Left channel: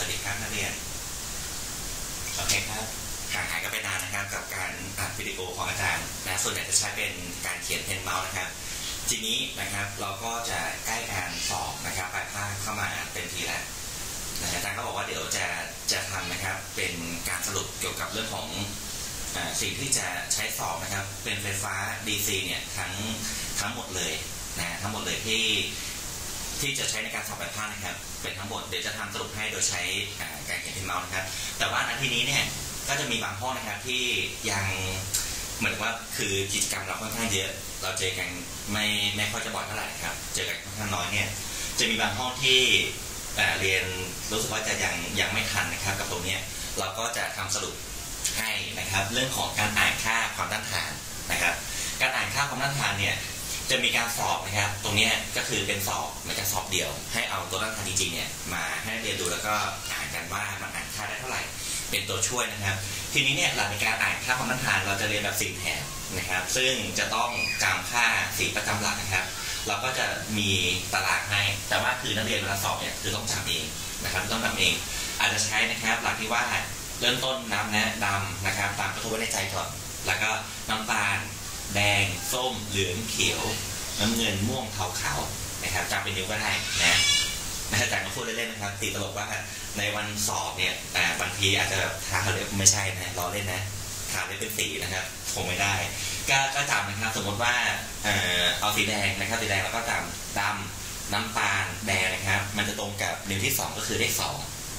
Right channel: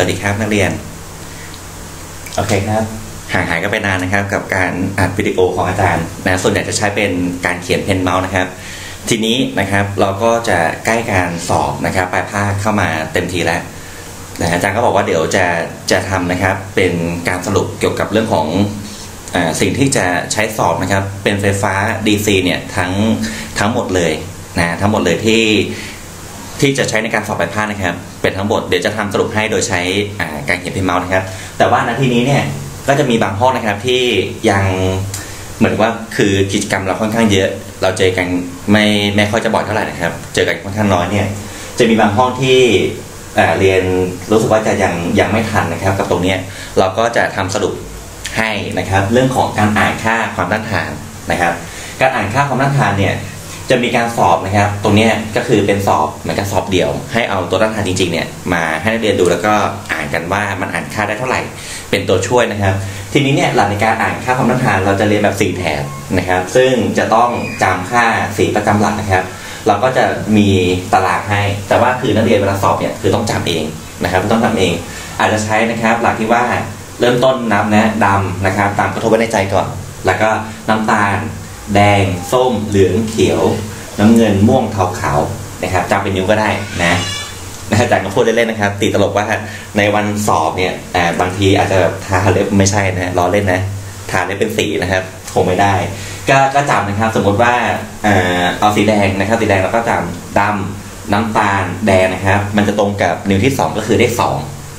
วัสดีครับนักเรียน โอเคครับ ห่างหายกันไปนานนะครับ กับการอัดวิดีโอของอาจารย์นะส่วนใหญ่จะใช้เป็นการเขียนเพนเมาส์นะครับ ทีนี้นะครับเราก็จะใกล้การสอบนะครับปลายภาคเข้ามาเต็มทีแล้วนะอาจารย์ก็บอกว่าเดี๋ยวจะจะทำนะครับเป็นการสรุปเกี่ยวกับเรื่องของอาสิ่งที่จะใช้สอบนะครับ เป็นไฟฟ้า DC เนี่ยทั้งทั้งหมดเลยนะทั้งหมดเลยที่ที่จะใช้ในการสอบปลายภาคนะครับ เป็นทั้งหมดเดี๋ยวจะทำสรุปให้โดยใช้การเขียนพิมพ์เมาส์นะครับ แต่ว่านที่นี้เนี่ยก็จะมีบางห้องนะครับที่ยังเหมือนว่าคือกิจกรรมเราค่อนข้างเยอะ เราเจอกันไม่ไม่ค่อยจะบ่อยเท่าไหร่นะครับ เจอกันค่อนข้างน้อยเนี่ยจะมีบางห้องที่เรียนรู้สึกว่าจะยังยังไม่ทันนะครับ กับตรงนี้เราก็จะทำสรุปให้นะครับ เรื่องของการอ่านค่าความต้านทานนะครับ การอ่านค่าความต้านทานเนี่ย จะมีการสอบนะครับ ตรงนี้ก็คือเป็นสอบเหมือนกับสอบเดี่ยว ให้เอาตัวต้านทานจริงๆเนี่ยมาให้นักเรียนดูแล้วก็อ่านกันว่ามันอ่านค่าได้เท่าไหร่ เป็นตัวช่วยนะครับ ทีนี้เนี่ยหลักในการอ่านค่าความต้านทานเราจะเรียนแบบสี่แถบนะครับ ซึ่งจะต้องจำค่าสีประจำหลักนะครับ เราก็จะมีตารางให้ แต่ว่าคือนักเรียนเวลาสอบเนี่ยคือต้องจำเองนะครับต้องทำเอง อาจจะใช้นะครับ หลักที่ว่าเริ่มต้นนับนะดำนะครับ ตามกระทบไว้ในใจก่อน แล้วก็น้ำตาล แดง ส้ม เหลือง เขียว น้ำเงิน ม่วง เทาขาวนะครับจำเป็นนิ้วก็ได้นะนะอาจารย์ก็พูดเล่นๆนะครับตีตลกว่าในวันสอบเนี่ยบางทีอาจจะแบบทาเล็บไม่ใช่นะล้อเล่นนะทาเล็บเป็นสีนะครับคงไม่ได้ ก็ก็จำนะครับ สมมติว่าเอ่อเอาสีแดงนะครับ สีแดงเราก็จำดำน้ำตาลแดงนะครับ มันจะตรงกับนิ้วที่สองก็คือได้สอง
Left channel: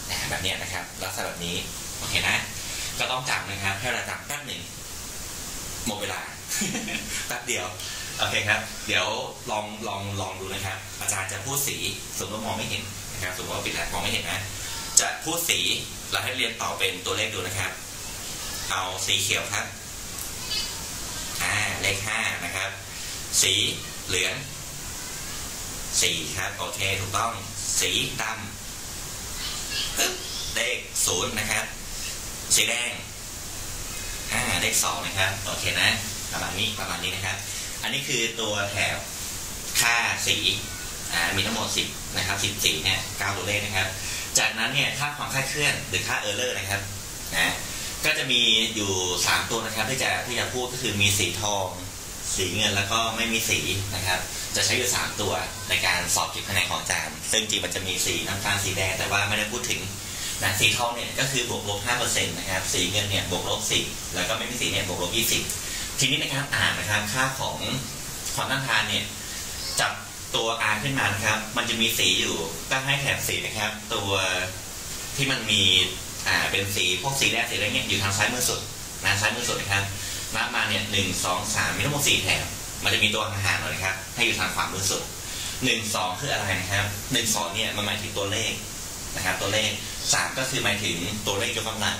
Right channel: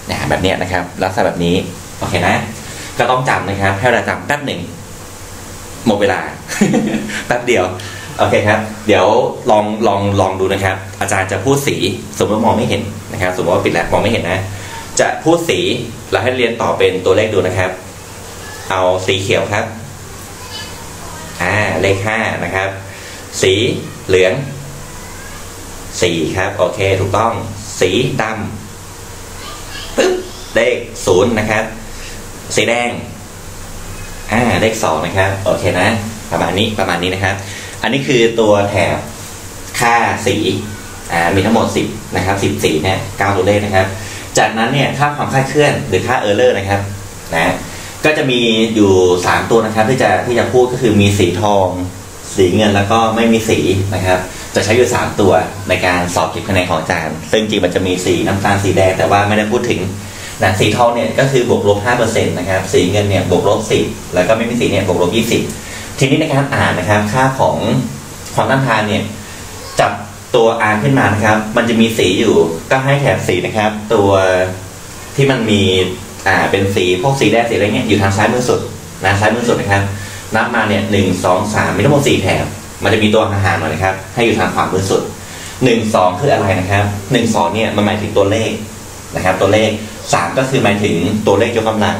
นะแบบเนี้ยนะครับลักษณะแบบนี้โอเคนะ ก็ต้องจำนะครับให้เวลาจำแป๊บหนึ่ง หมดเวลาแป๊บเดียวโอเคครับ เดี๋ยวลองลองลองดูนะครับ อาจารย์จะพูดสีสมมติมองไม่เห็นนะครับ สมมติว่าปิดแล้วมองไม่เห็นนะ จะพูดสีแล้วให้เรียนต่อเป็นตัวเลขดูนะครับ เอาสีเขียวครับอ่าเลขห้านะครับ สีเหลืองสี่ครับโอเคถูกต้อง สีดำปึ๊บเลขศูนย์นะครับ สีแดง อ่าเลขสองนะครับโอเคนะ ประมาณนี้ประมาณนี้นะครับ อันนี้คือตัวแถบค่าสีอ่ามีทั้งหมดสิบนะครับสิบสีเนี่ยเก้าตัวเลขนะครับ จากนั้นเนี่ยค่าความคลาดเคลื่อนหรือค่าเออร์เลอร์นะครับนะก็จะมีอยู่สามตัวนะครับที่จะที่จะพูดก็คือมีสีทอง สีเงินแล้วก็ไม่มีสีนะครับ จะใช้อยู่สามตัวในการสอบเก็บคะแนนของอาจารย์ ซึ่งจริงมันจะมีสีน้ำตาลสีแดงแต่ว่าไม่ได้พูดถึง นะสีทองเนี่ยก็คือบวกลบ5%นต์นะครับสีเงินเนี่ยบวกลบ10แล้วก็ไม่มีสีเนี่ยบวกลบ20ทีนี้ในการอ่านนะครับค่าของความต้านทานเนี่ยจับตัวอ่านขึ้นมานะครับ มันจะมีสีอยู่ก็ให้แถบสีนะครับ ตัวที่มันมีอ่าเป็นสีพวกสีแดงสีอะไรเนี่ยอยู่ทางซ้ายมือสุดนะซ้ายมือสุดนะครับนับมาเนี่ยหนึ่งสองสามมีทั้งหมดสี่แถบ มันจะมีตัวห่างๆหน่อยนะครับ ให้อยู่ทางขวามือสุดหนึ่งสองคืออะไรนะครับหนึ่งสองเนี่ยมันหมายถึงตัวเลข นะครับ ตัวเลขสามก็คือหมายถึงตัวเลขยกกำลัง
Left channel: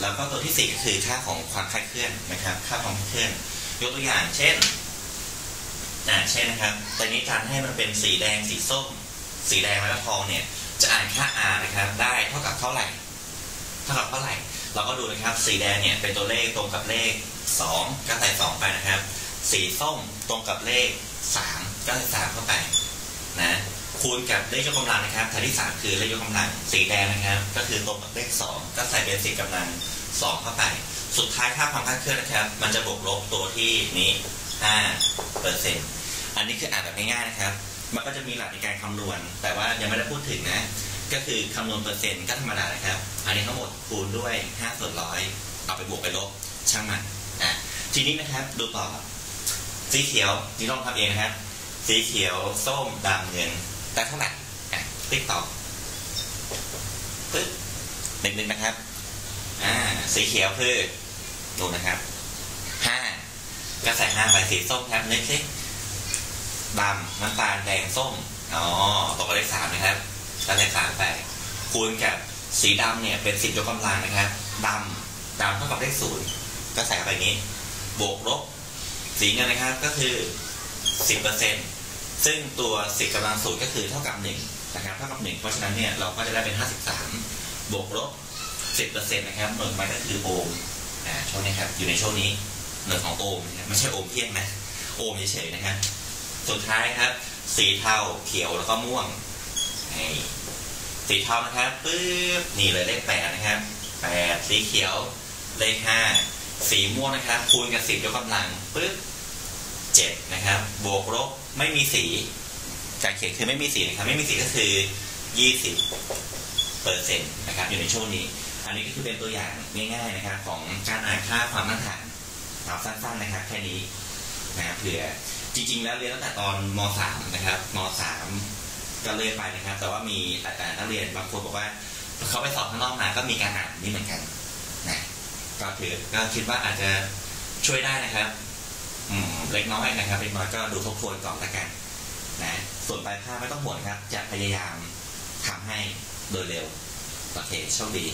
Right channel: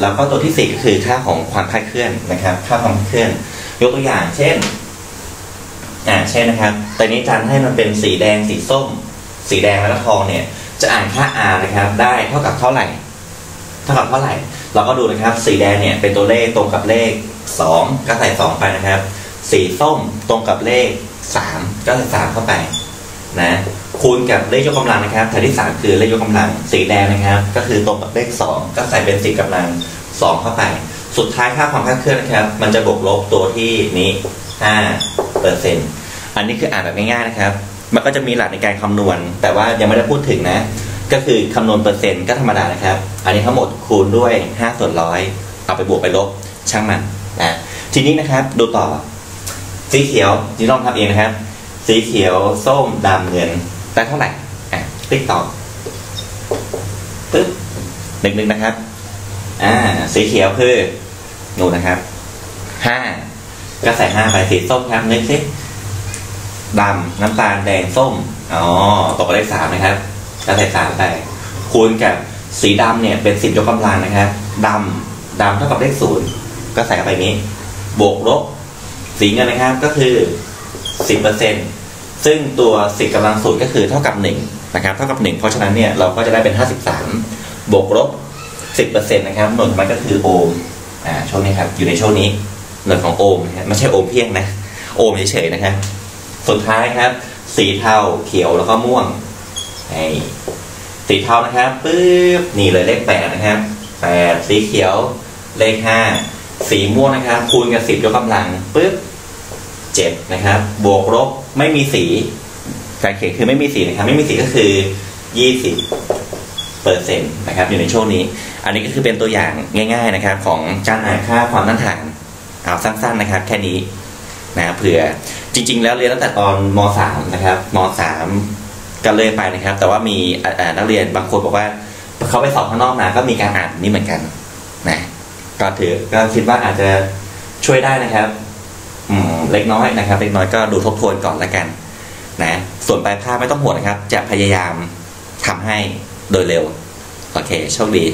แล้วก็ตัวที่สี่ก็คือค่าของความคลาดเคลื่อนนะครับ ค่าความคลาดเคลื่อน ยกตัวอย่าง เช่นอ่าเช่นนะครับตอนนี้อาจารย์ให้มันเป็นสีแดงสีส้ม สีแดงแล้วก็ทองเนี่ย จะอ่านค่า r นะครับ ได้เท่ากับเท่าไหร่ เท่ากับเท่าไหร่ เราก็ดูนะครับ สีแดงเนี่ยเป็นตัวเลขตรงกับเลขสองก็ใส่สองไปนะครับ สีส้มตรงกับเลขสามก็ใส่สามเข้าไปนะ คูณกับเลขยกกำลังนะครับแถวที่สามคือเลขยกกำลังสีแดงนะครับ ก็คือตรงกับเลขสองก็ใส่เป็นสีกำลังสองเข้าไป สุดท้ายค่าความคลาดเคลื่อนนะครับ มันจะบวกลบตัวที่นี้ห้าเปอร์เซ็นต์อันนี้คืออ่านแบบง่ายๆนะครับ มันก็จะมีหลักในการคำนวณ แต่ว่ายังไม่ได้พูดถึงนะ ก็คือคำนวณเปอร์เซ็นต์ก็ธรรมดานะครับ อันนี้ทั้งหมดคูณด้วยห้าส่วนร้อยเอาไปบวกไปลบช่างมันนะทีนี้นะครับดูต่อ สีเขียวนี่ลองทำเองนะครับ สีเขียวส้มดำเงิน ได้เท่าไหร่อะติ๊กตอกปึ๊บหนึ่งหนึ่งนะครับ อ่า สีเขียวคือหนูนะครับห้าก็ใส่ห้าไปสีส้มครับนึกสิดำน้ำตาลแดงส้มอ๋อตกได้สามนะครับก็ใส่สามไปคูณกับสีดำเนี่ยเป็นสิบยกกำลังนะครับดำดำเท่ากับเลขศูนย์ก็ใส่ไปนี้ บวกลบสีเงินนะครับก็คือสิบเปอร์เซ็นต์ ซึ่งตัวสิบกำลังศูนย์ก็คือเท่ากับหนึ่งนะครับเท่ากับหนึ่งเพราะฉะนั้นเนี่ยเราก็จะได้เป็นห้าสิบสามบวกลบสิบเปอร์เซ็นต์นะครับหน่วยของมันก็คือโอห์มอ่าช่วงนี้ครับอยู่ในช่วงนี้หน่วยของโอห์มนะครับไม่ใช่โอห์มเพียงนะโอห์มเฉยๆนะครับสุดท้ายครับ สีเทาเขียวแล้วก็ม่วงไอ้สีเทานะครับปึ๊บนี่เลยเลขแปดนะครับแปดสีเขียวเลขห้าสีม่วงนะครับ คูณกับสิบยกกำลังปึ๊บ เจ็ดนะครับ บวกลบไม่มีสีการเขียนคือไม่มีสีนะครับ ไม่มีสีก็คือยี่สิบเปอร์เซ็นต์นะครับ อยู่ในช่วงนี้ อันนี้ก็คือเป็นตัวอย่างง่าย ๆนะครับ ของการหาค่าความต้านทานเอาสั้นๆนะครับ แค่นี้นะเผื่อจริง ๆ แล้วเรียนตั้งแต่ตอนม .3 นะครับม .3 ก็เลยไปนะครับ แต่ว่ามีนักเรียนบางคนบอกว่าเขาไปสอบข้างนอกมาก็มีการอ่านนี่เหมือนกันนะก็ถือก็คิดว่าอาจจะช่วยได้นะครับ เล็กน้อยนะครับเล็กน้อยก็ดูทบทวนก่อนละกันนะส่วนปลายภาไม่ต้องห่วงนะครับ จะพยายามทำให้โดยเร็ว โอเคโชคดี